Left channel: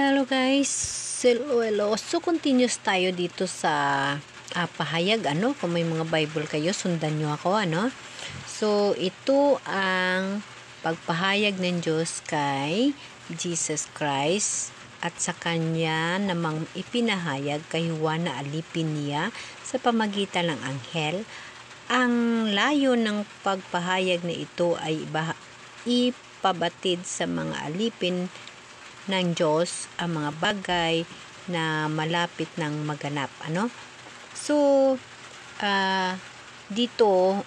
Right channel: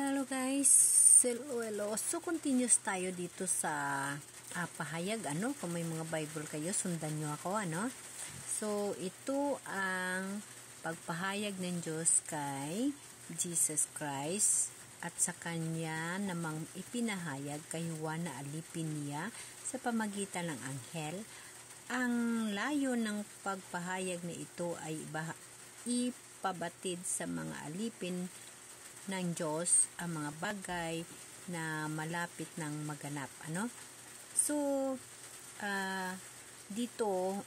Hello guys, hello. So continuous tayo dito sa pahayag kung may mga Bible kayo, sundan nyo ako So ito ang pagpahayag ng Diyos kay Jesus Christ at sa kanya namang ipinahayag kay Juan na alipin niya sa pamagitan ng anghel. Ang layo ng pagpahayag na ito ay ipabatid sa mga alipin ng Diyos ang mga bagay na malapit ng maganap. So, dito,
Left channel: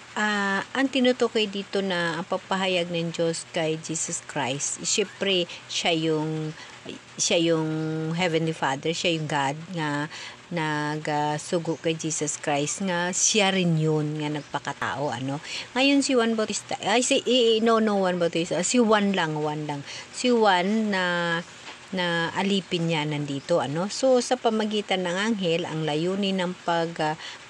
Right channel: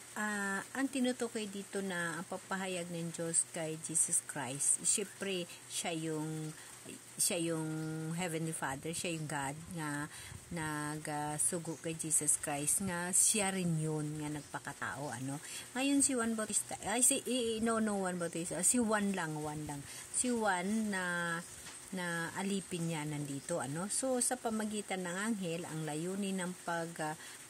ang tinutukoy dito na ang pagpahayag ng Diyos kay Jesus Christ, syempre, siya yung Heavenly Father, siya yung God nga nagsugo kay Jesus Christ nga siya rin yun nga nagpakatao ngayon si Juan Bautista si Juan na alipin niya nandito so sa pamagitan ng anghel ang layunin ng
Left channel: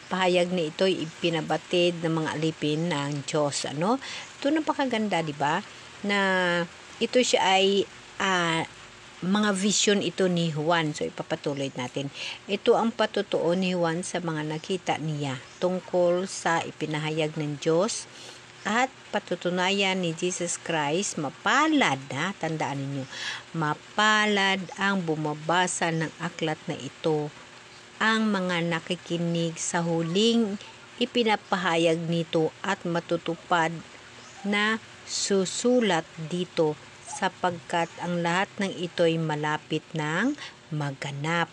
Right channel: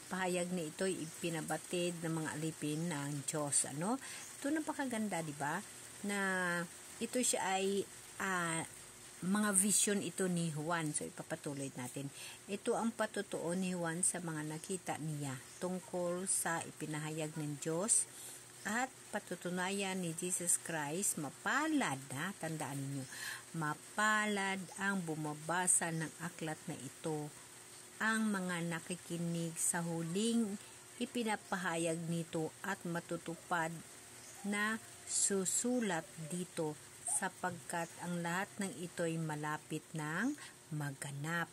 pahayag na ito ay ipinabatid ng mga alipin ng Diyos ito napakaganda, di ba, na ito siya ay mga vision ito ni Juan. So, ipapatuloy natin. Ito ang patutuo ni Juan sa mga nakita niya tungkol sa ipinahayag ng Diyos at patutunayan ni Jesus Christ. Mapalad, tandaan ninyo, mapalad ang bumabasa ng aklat na ito, ang mga nakikinig sa huling ipinapahayag nito at matutupad na susulat dito sapagkat ang lahat ng ito'y malapit ng maganap.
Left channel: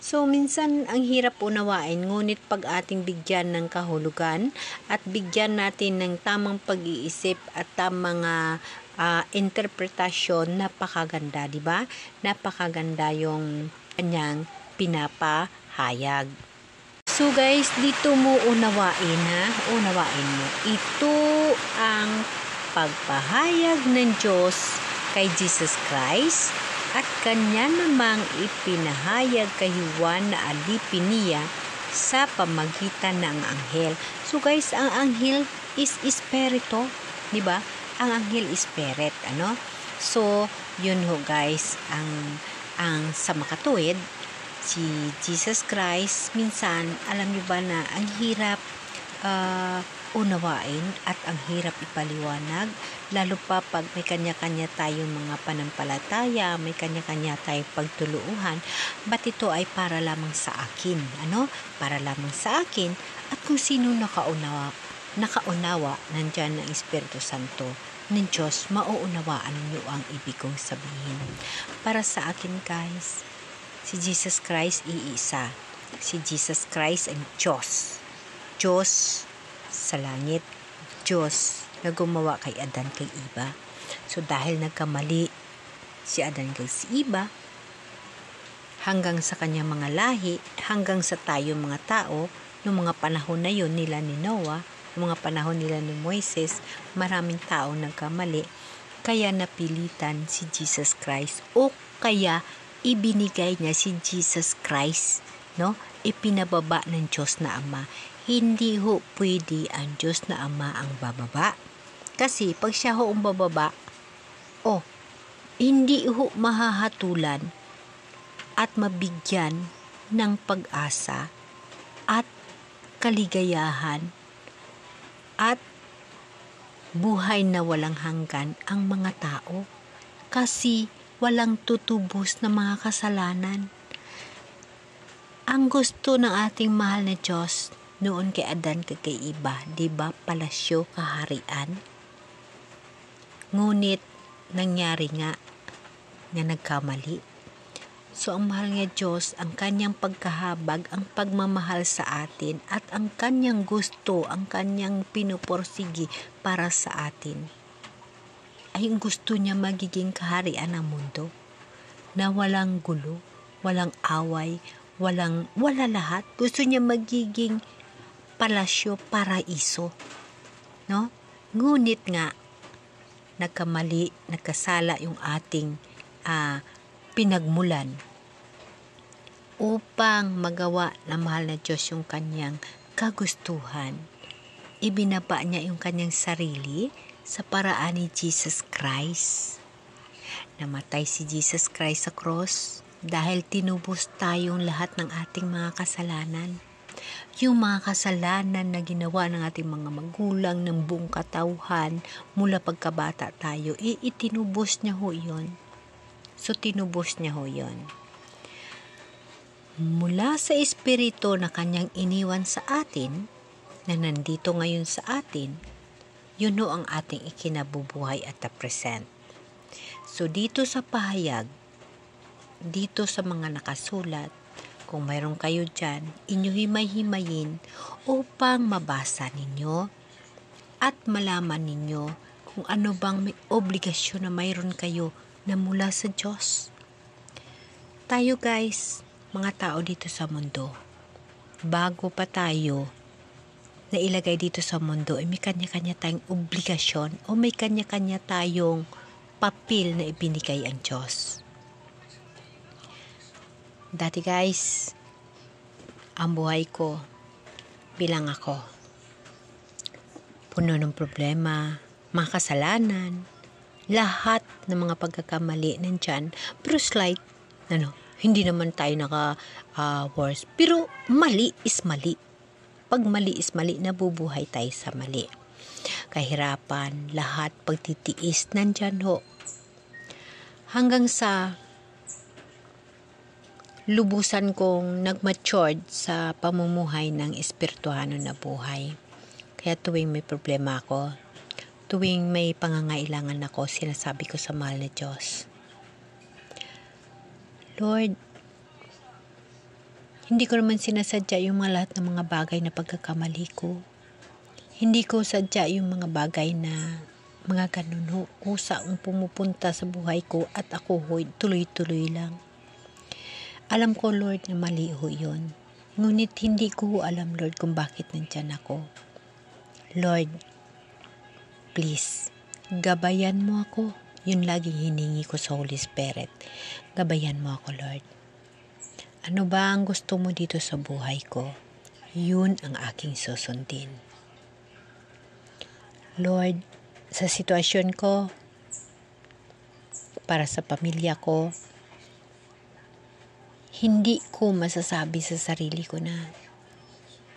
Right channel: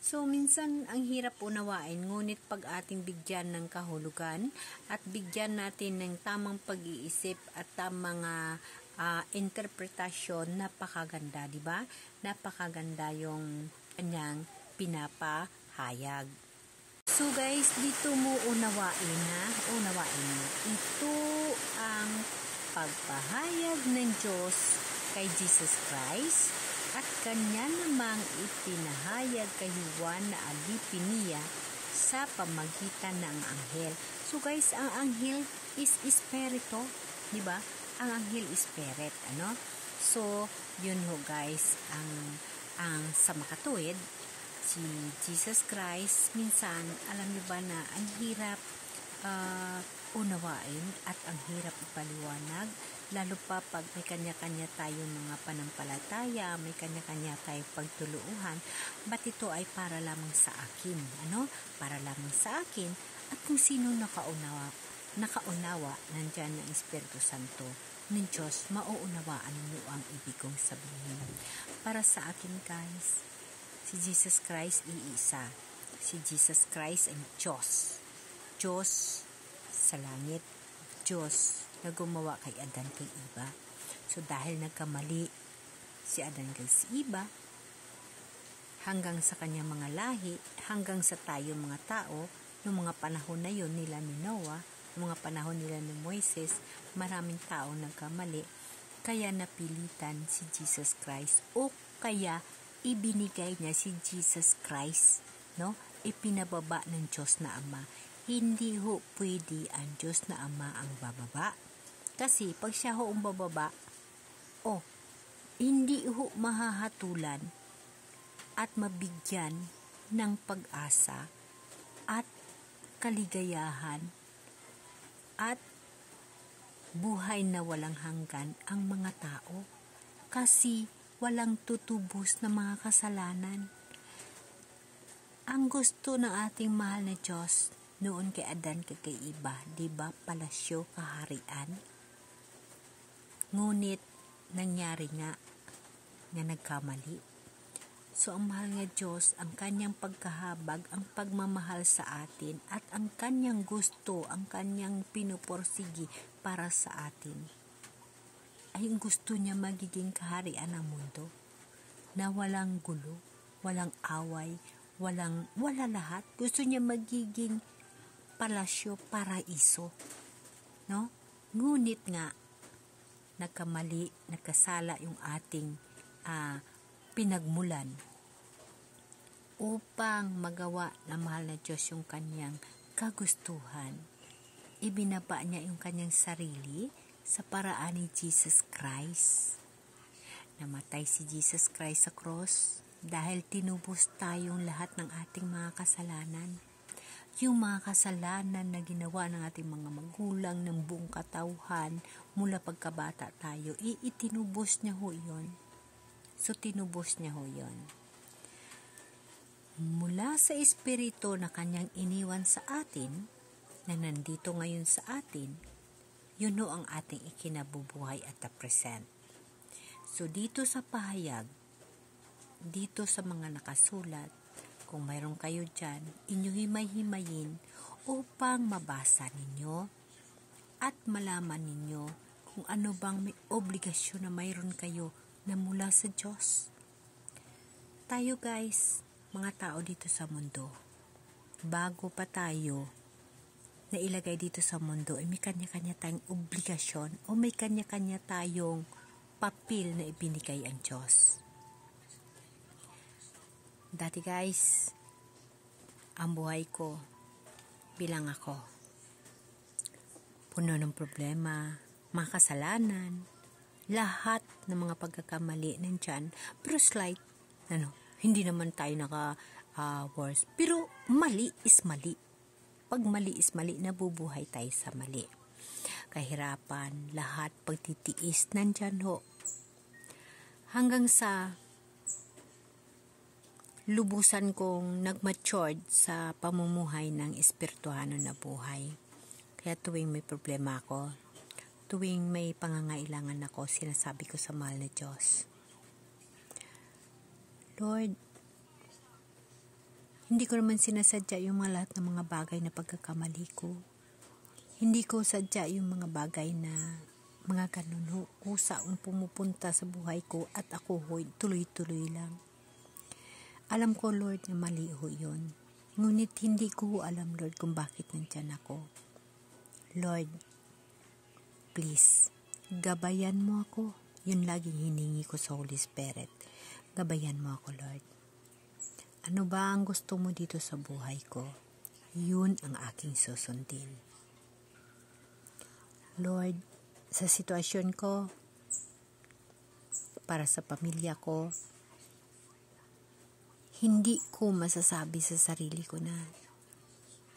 So, minsan ang hirap unawain, ngunit pag ating bigyan ng kahulugan at bigyan natin ng tamang pag-iisip at tamang interpretasyon, napakaganda, di ba? Napakaganda yung kanyang pinapahayag. So guys, dito mo unawain mo. Ito ang pagpahayag ng Diyos kay Jesus Christ at kanya namang ipinahayag kay Juan na alipin niya sa pamagitan ng anghel. So guys, ang anghel is espiritu, di ba? Ang anghel is spirit, So, yun ho guys, ang sa makatuwid, si Jesus Christ, minsan, alam niyo ba na ang hirap unawain at ang hirap ipaliwanag, lalo pa pag may kanya-kanya tayong mga panampalataya, may kanya-kanya tayong pagtuluhan, ba't ito ay para lamang sa akin, Para lamang sa akin, at kung sino nakaunawa, nandyan ng Espiritu Santo ng Diyos, mauunawaan niyo ang ibig kong sabihin. Para sa akin guys, si Jesus Christ iisa. Si Jesus Christ ang Diyos. Diyos sa langit. Diyos na gumawa kay Adan kay Eva. So dahil nagkamali si Adan kay si Eva, hanggang sa kanyang mga lahi, hanggang sa tayo mga tao, noong mga panahon na yun nila ni Noah, noong mga panahon nila ni Moises, maraming tao nagkamali. Kaya napilitan si Jesus Christ o kaya ibinigay niya si Jesus Christ, ipinababa ng Diyos na Ama. Hindi ho pwede ang Diyos na Ama ang bababa. Kasi pag siya ho ang bababa, hindi ho mahahatulan at mabigyan ng pag-asa at kaligayahan at buhay na walang hanggan ang mga tao. Kasi walang tutubos na mga kasalanan. Ang gusto ng ating mahal na Diyos noon kay Adan kay Eva, di ba, palasyo, kaharian? Ngunit nangyari nga nagkamali. So ang mahal nga Diyos, ang kanyang pagkahabag, ang pagmamahal sa atin at ang kanyang gusto, ang kanyang pinuporsigi para sa atin, ay gusto niya magiging kaharian ng mundo na walang gulo, walang away, wala lahat. Gusto niya magiging palasyo, paraiso, Ngunit nga nagkamali, nagkasala yung ating pinagmulan upang magawa ng mahal na Diyos yung kanyang kagustuhan. Ibinaba niya yung kanyang sarili sa paraan ni Jesus Christ. Namatay si Jesus Christ sa cross dahil tinubos tayong lahat ng ating mga kasalanan. Yung mga kasalanan na ginawa ng ating mga magulang ng buong katauhan mula pagkabata tayo, itinubos niya ho yun. So tinubos niya ho yun. Mula sa espiritu na kanyang iniwan sa atin, na nandito ngayon sa atin, yun ho ang ating ikinabubuhay at the present. So dito sa pahayag, dito sa mga nakasulat, kung mayroon kayo dyan, inyo himay-himayin upang mabasa ninyo at malaman ninyo kung ano bang may obligasyon na mayroon kayo na mula sa Diyos. Tayo guys, mga tao dito sa mundo, bago pa tayo na ilagay dito sa mundo, may kanya-kanya tayong obligasyon o may kanya-kanya tayong papel na ibinigay ang Diyos. Dati guys, ang buhay ko bilang ako, puno ng problema, mga kasalanan, lahat ng mga pagkakamali nandyan, pero slight, hindi naman tayo worse. Pero mali is mali. Pag mali is mali, nabubuhay tayo sa mali. Kahirapan, lahat, pagtitiis, nandyan ho. Hanggang sa lubusan kong nag-matured sa pamumuhay ng espirituhano na buhay. Kaya tuwing may problema ako, tuwing may pangangailangan ako, sinasabi ko sa mahal na Diyos, Lord, hindi ko naman sinasadya yung mga lahat ng mga bagay na pagkakamali ko. Hindi ko sadya yung mga bagay na mga ganun ho, kusa ang pumupunta sa buhay ko at ako ho, tuloy-tuloy lang. Alam ko, Lord, na mali ho yun. Ngunit hindi ko alam, Lord, kung bakit nandyan ako. Lord, please, gabayan mo ako. Yun laging hiningi ko sa Holy Spirit. Gabayan mo ako, Lord. Ano ba ang gusto mo dito sa buhay ko? Yun ang aking susundin. Lord, sa sitwasyon ko, para sa pamilya ko, hindi ko masasabi sa sarili ko na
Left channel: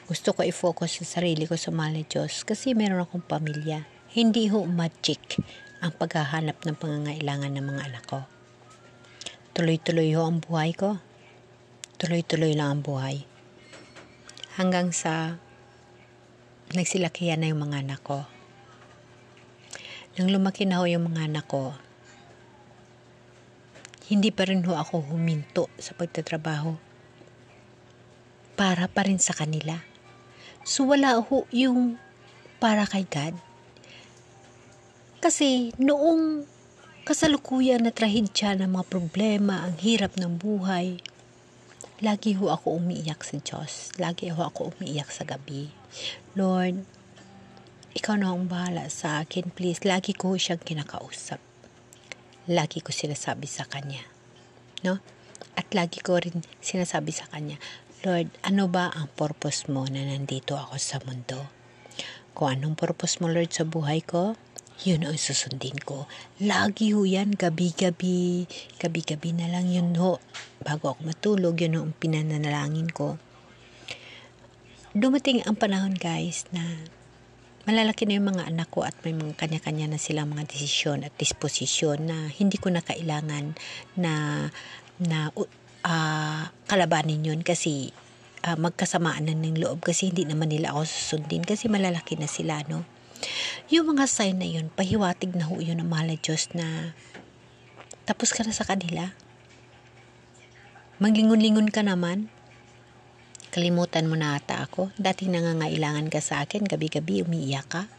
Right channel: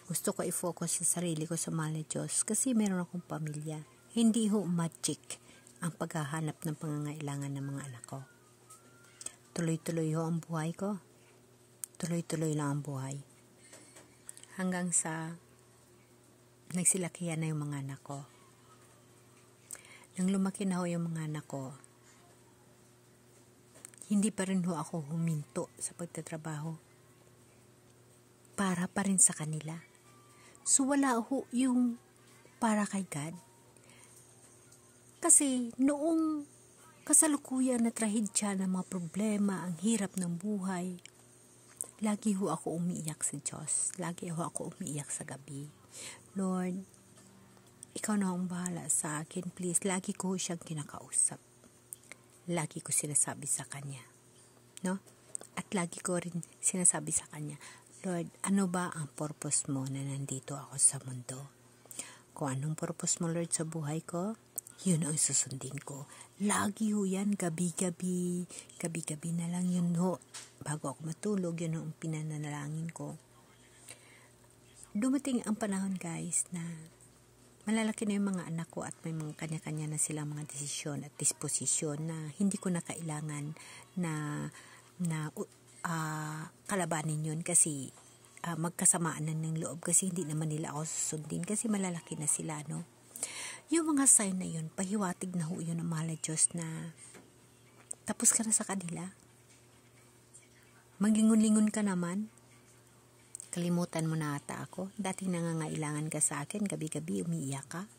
gusto ko i-focus sa sarili ko sa mahal na Diyos kasi meron akong pamilya. Hindi ho magic ang paghahanap ng pangangailangan ng mga anak ko. Tuloy-tuloy ho ang buhay ko. Tuloy-tuloy lang ang buhay. Hanggang sa nagsilakihan na yung mga anak ko. Nang lumaki na ho yung mga anak ko, hindi pa rin ho ako huminto sa pagtatrabaho. Para pa rin sa kanila. So wala ho yung para kay God. Kasi noong kasalukuyan na trahedya ng mga problema, ang hirap ng buhay, lagi ho ako umiiyak sa Diyos. Lagi ho ako umiiyak sa gabi. Lord, ikaw na ang bahala sa akin, please. Lagi ko siyang kinakausap. Lagi ko sinasabi sa Kanya. No? At lagi ko rin sinasabi sa Kanya, Lord, ano ba ang purpose mo na nandito ako sa mundo? Kung anong purpose mo, Lord, sa buhay ko, yun ang susundin ko. Lagi ho yan, gabi-gabi. Gabi-gabi na lang yun ho. Bago ako matulog, yun ho ang pinanalangin ko. Dumating ang panahon, guys, na malalaki na yung mga anak ko at may mga kanya-kanya na silang mga desisyon at disposisyon na hindi ko na kailangan na kalabanin yun kasi magkasamaan na ng loob kasi hindi naman nila ako susundin kasi malalaki na sila, no? Yung mga sign na yun, pahiwatig na ho yun ng mahal na Diyos na tapos ka na sa kanila. Maglingon-lingon ka naman. Kalimutan mo na ata ako. Dati nangangailangan ka sa akin, gabi-gabi umiiyak ka.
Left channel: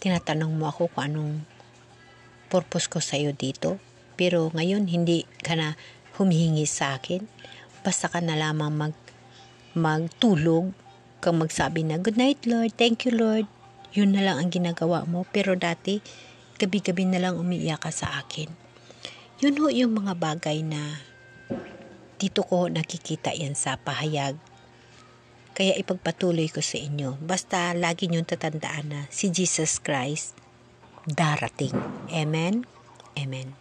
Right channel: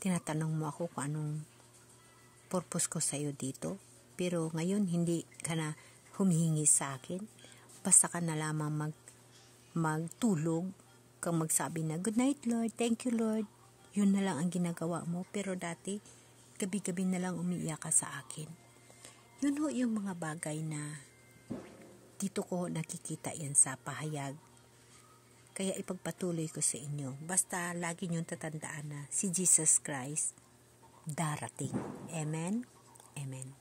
Tinatanong mo ako kung anong purpose ko sa'yo dito. Pero ngayon, hindi ka na humihingi sa akin. Basta ka na lamang magtulog, kang magsabi na, Good night, Lord. Thank you, Lord. Yun na lang ang ginagawa mo. Pero dati, gabi-gabi na lang umiiyak ka sa akin. Yun ho yung mga bagay na dito ko nakikita yan sa pahayag. Kaya ipagpatuloy ko sa inyo. Basta lagi niyong tatandaan na si Jesus Christ darating. Amen? Amen.